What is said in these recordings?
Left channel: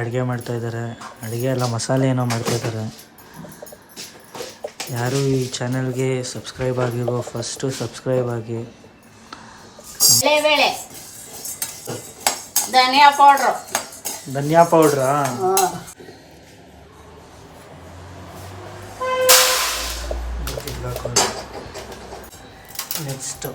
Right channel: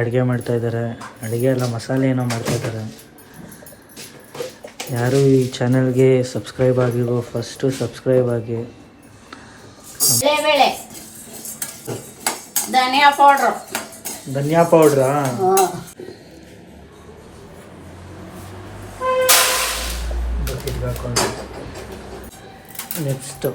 ಅಡುಗೆ ಮಾಡ್ತಾ ಇದ್ದಾರೆ. ಅಡುಗೆ ಎಲ್ಲ ಮಸಾಲೆ ಏನೋ ಮಾಡ್ತಾ ಇದ್ದಾರೆ. ಯಾರು ಈ ಚಾನಲ್ಗೆ ಸಬ್ಸ್ಕ್ರೈಬ್ ಆಗಿರೋ ಫಸ್ಟು ಸಬ್ಸ್ಕ್ರೈಬ್ ಆಗಿ. ಬೇಳೆ ಧನಿಯಾ ಪೌಡ್ರು. ಧನಿಯಾ ಪೌಡ್ರಾ? ಹಾಕೊಂಡು ನೆಕ್ಸ್ಟು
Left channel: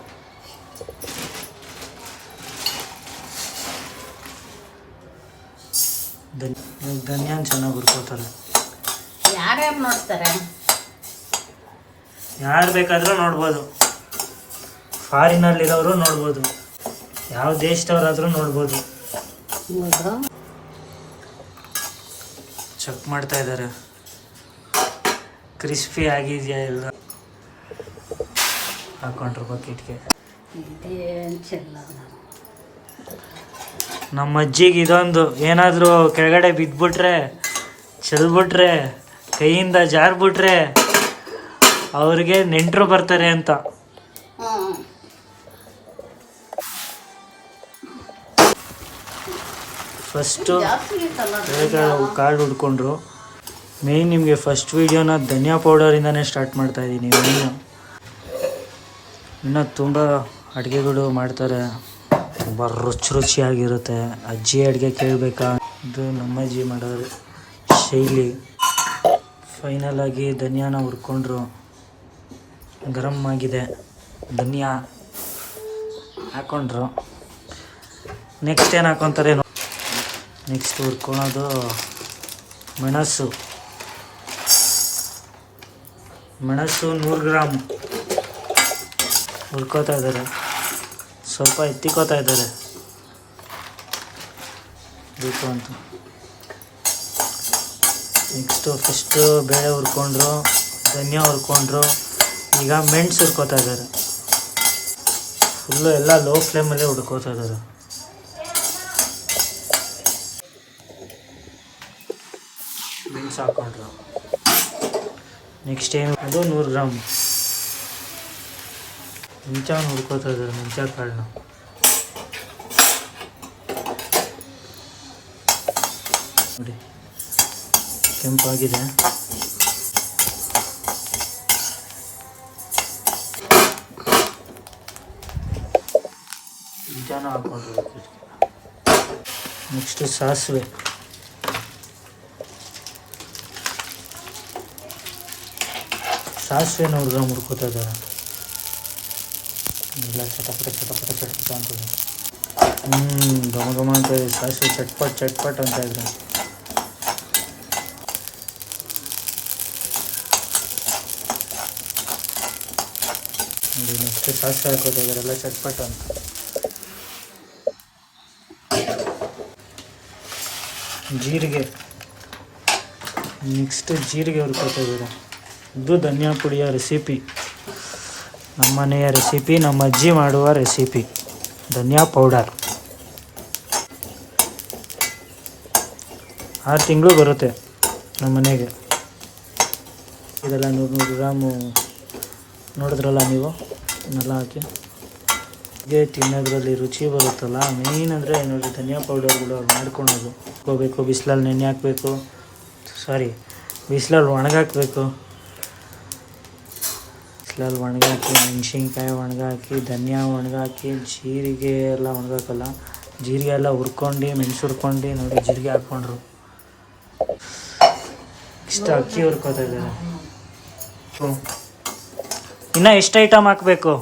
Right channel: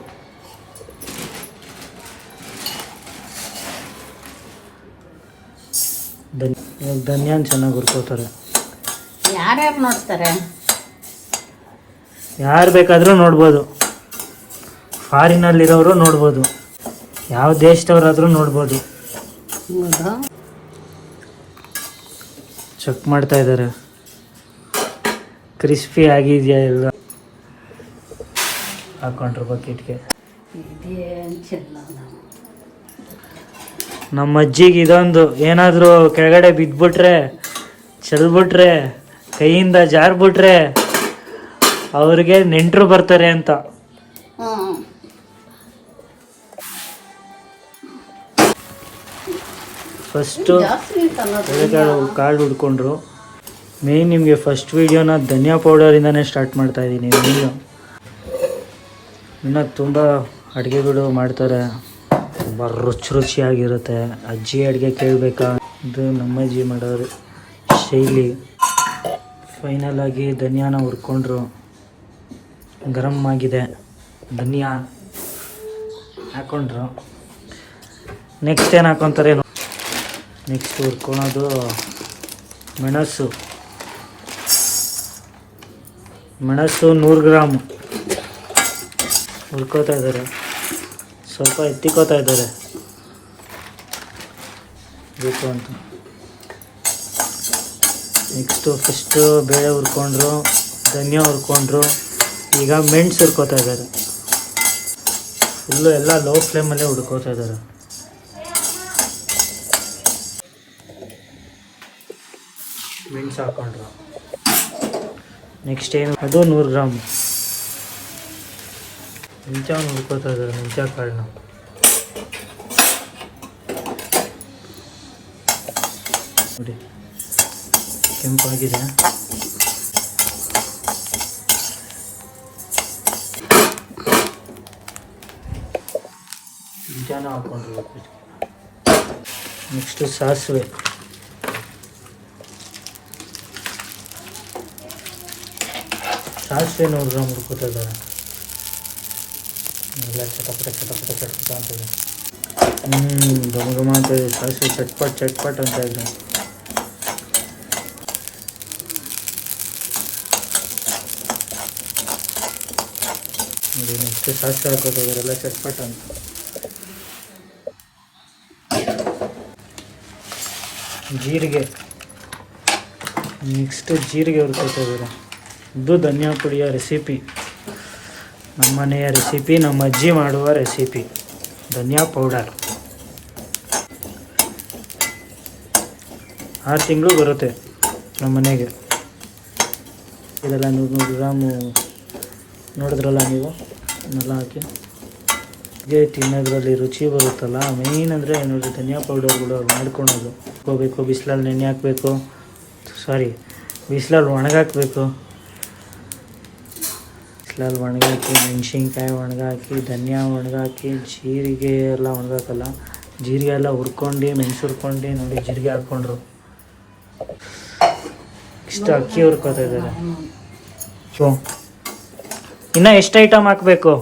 ಧನಿಯಾನ ಚೆನ್ನಾಗಿ ಹುರ್ಕೋತಾರೆ. ಯಾರ್ಯಾರು ನೋಡ್ತಾರೆ? ಯಾರು ಬೇಕಾದರೂ ನೋಡ್ಬೋದು. ಫಾರಿನಲ್ಲಿರೋರು ನೋಡ್ಬೋದು, ಯಾವ ದೇಶದವರಾದರೂ ನೋಡ್ಬೋದು. ಚೆಕ್ ಮಾಡ್ತಾ ಇದ್ದಾರೆ ಕ್ರಿಸ್ಪಿ ಆಗಿದೆಯಾ ಇಲ್ಲ. ಹಾಕೊಂಡ್ರು ಬಕೆಟ್ಗೆ. ನಮ್ಮ ಅಜ್ಜಿಗೆ ಇದೊಂದು ಏನಾದರೂ ಕೆಳಗಡೆ ಬಿದ್ದುಬಿಟ್ರೆ, ಚೆಲ್ಬಿಟ್ರೆ, ಕೈಯಿಂದ ಜಾರ್ಬಿಟ್ರೆ ಅವ್ರಿಗೆ ನೆಂಟರು ಬರ್ತಾರೆ ಅಂತ. ಫಸ್ಟು ಕಾಳು ಹುಡ್ಕೊಂಡ್ರು. ಮೇಯ್ನ್ ನಿಮಗೆ ಫಸ್ಟ್ ವೀಡಿಯೋನ ಧನಿಯಾ ಪೌಡರಿಂದನೇ ಸ್ಟಾರ್ಟ್ ಮಾಡ್ತಾ ಇದ್ದೀನಿ. ಮೇಯ್ನು ಇನ್ನೂ ತುಂಬ ಅಡುಗೆಗಳು ಮಾಡ್ತಾರೆ, ತುಂಬ ರುಚಿಯಾಗಿರುತ್ತೆ. ಅಜ್ಜಿ ಅಡುಗೆ ಕೇಳಬೇಕಾ? ಇದು ನಮ್ಮಜ್ಜಿ ಮಾಡೋರು ಶೈಲಿ. ಫೈನಲ್ ಆಗಿ ಧನಿಯಾನ ಹುರ್ಕೊಂಡ್ರು. ಗರಂ ಆಗಿದೆ, ಧನಿಯಾ ಹಾಕ್ಕೊಂಡ್ರು. ನೆಕ್ಸ್ಟ್ ಏನು ಹಾಕ್ಕೊತಾರೆ? ನೆಕ್ಸ್ಟ್ ಹುರ್ಕೊಳೋದು ಮೆಣಸು. 100 ಗ್ರಾಮು ಹುರ್ಕೋತಾ ಇದ್ದಾರೆ. ಸ್ವಲ್ಪ ಎತ್ತಿಕೋತಾ ಇದ್ದಾರೆ ಬೇಕು ಅಂತ. ನೆಕ್ಸ್ಟು ಫಸ್ಟು ಬೇಳೆ ಹುರ್ಕೊಂಡ್ರು, ಧನಿಯಾ ಹುರ್ಕೊಂಡ್ರು. ಈಗ ಮೆಣಸು ಹುರ್ಕೋತಾ ಇದ್ದಾರೆ. ಫುಲ್ಲು ಎಲ್ಲ ಲೋ ಫ್ಲೇಮಲ್ಲೇ ಹುಡ್ಕೋತಾ ಇದ್ದಾರೆ. ಮೆಣಸು ಹಾಕ್ಕೊಂಡ್ರು. ನೆಕ್ಸ್ಟ್ ಏನು? ಅದು 100 ಗ್ರಾಮು ಮೆಂತ್ಯವನ್ನು ಹುಡ್ಕೋತಾ ಇದ್ದಾರೆ. ಮೆಂತ್ಯ ಕಾಳನ್ನ ನೋಡಿ, ಕೆಂಪಾಗಿದೆ. ಮೆಂತ್ಯನ ಹಾಕ್ಕೊಂಡ್ರು. ನೆಕ್ಸ್ಟ್ ಸಾಸಿವೆ. ಸಾಸಿವೆ 100 ಗ್ರಾಮ್ ಹುಡ್ಕೋತಾ ಇದ್ದಾರೆ. ಎಲ್ಲ ಚಟಪಟ ಅಂತಿದೆ. ಘಮ ಅಂತ ಇದೆ. ಸಾಸಿವೆ ಚಟ್ಪಟ್ ಅಂತ ಇದ್ರೆ. ನೋಡಿ ನೆಕ್ಸ್ಟ್ ಸಾಸಿವೆ ಹಾಕೋತಾ ಇದ್ದಾರೆ. ಎಲ್ಲ ಚಟ್ಪಟ್ ಅಂತ. ಜೀರಿಗೆ. ನೆಕ್ಸ್ಟ್ ಜೀರಿಗೆ ಹುರ್ಕೋತಾ ಇದ್ದಾರೆ. ಇದು ಧನಿಯಾ ಪುಡಿಯ ರೆಸಿಪಿ, ನಮ್ಮನೆಯ ರೆಸಿಪಿ, ನಮ್ಮ ಅಜ್ಜಿ ಮಾಡುವ ರೆಸಿಪಿ. ಧನಿಯಾ ಪೌಡರ್ 6 ತಿಂಗಳು ಬರುತ್ತೆ ನಮ್ಮ ಮನೆಗೆ. ಇದೆಲ್ಲ 100 ಗ್ರಾಮು ನೋಡಿದ್ರಲ್ಲ ನೀವು, ಇನ್ನೆಲ್ಲ ಹಾಕಿ ಹೀಗೆ ತಿನ್ನೋದ್ರಲ್ಲಿ ರುಚಿ ಬರುತ್ತಲ್ಲ. ಮೇಯ್ನ್ ಅಂದರೆ ನೋಡಿ, ಧನಿಯಾ ಪೌಡರ್ಗಳು ಮಾಡ್ಕೊಳೋದು. ಹೋಗಬೇಕು, ಬಿಸಿಲಲ್ಲಿ ನೆನೆ ಹಾಕಬೇಕು, ಬಿಸಿಲಲ್ಲಿ ಒಣಗಾಕಬೇಕು. ಬಿಸಿಲಲ್ಲಿ ಒಣಗಾಕಿ, ಮೆಣಸಿನ್ಕಾಯಿ ಒಣಗಾಕಿ, ಧನಿಯಾ ಒಣಗಾಕಿ, ಜೀರಿಗೆ ಎಲ್ಲ ಒಣಗಾಕಲ್ಲ, ಜೀರಿಗೆ ಎಲ್ಲ ಹುರ್ಕೊಂಡು, ಮೆಣಸು ಹುರ್ಕೊಂಡು. ನೋಡಿ ಜೀರಿಗೆ ಹಾಕ್ಕೊಂಡ್ರು. ಇಷ್ಟು ಅಕ್ಕಿ ಹುರ್ಕೋತಾ ಇದ್ದಾರೆ. ಇನ್ನು ಎಷ್ಟು ಐಟಮ್ ಹಾಕಬೇಕು?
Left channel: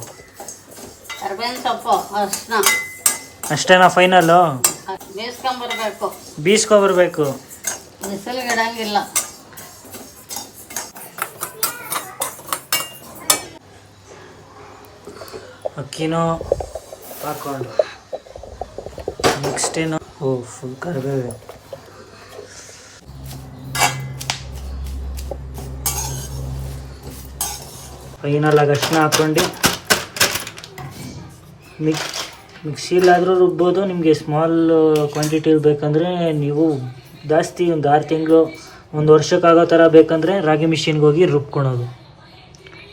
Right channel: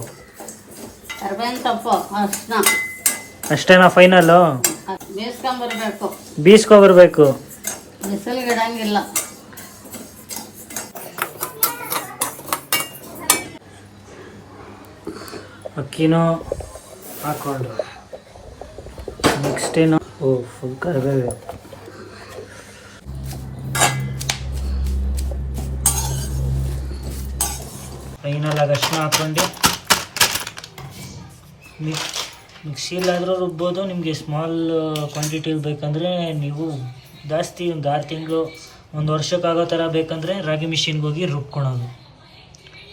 ಅಷ್ಟೇನಾ ಫೈನಲ್ಲು? ಬೀಸ್ಕೊಬರ್ಬೇಕು. ಬಿಸಿಲಿಗಿಡಂಗಿಲ್ಲ. ಅಕ್ಕಿನೂ ಹಾಕ್ಕೊಂಡು ನೆಕ್ಸ್ಟ್ ಏನು? ಫುಲ್ ಕರಿಬೇವು. ಫೈನಲ್ ಆಗಿ ಅಷ್ಟನ್ನ ಹಾಕ್ಕೊಂಡು ಮಿಕ್ಸಿಲಾದರೂ ರುಬ್ಬೋದು. ನಿಮಗೆ ಸ್ಮಾಲ್ ಕ್ವಾಂಟಿಟಿಲಿ ಬೇಕಂದರೆ ನೀವು ಜಾಸ್ತಿ ಒಂದು 6 ತಿಂಗಳು 1 ವರ್ಷಕ್ಕಾಗೋ ಥರ ಬೇಕಂದರೆ ರಾಗಿ ಮಿಷಿನ್ಗೆ ಹೋಗಿ ರುಬ್ಕೊಳೋದು.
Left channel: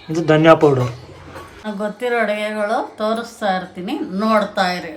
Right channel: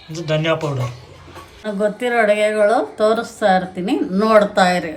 ಇದು ಧನಿಯಾ ಪೌಡರ್. ಗೊತ್ತಿರೋ ಅಡುಗೆಗಳು ತೋರಿಸ್ತಾ ಇರ್ತೀನಿ, ನೋಡ್ತಾ ಇರಿ.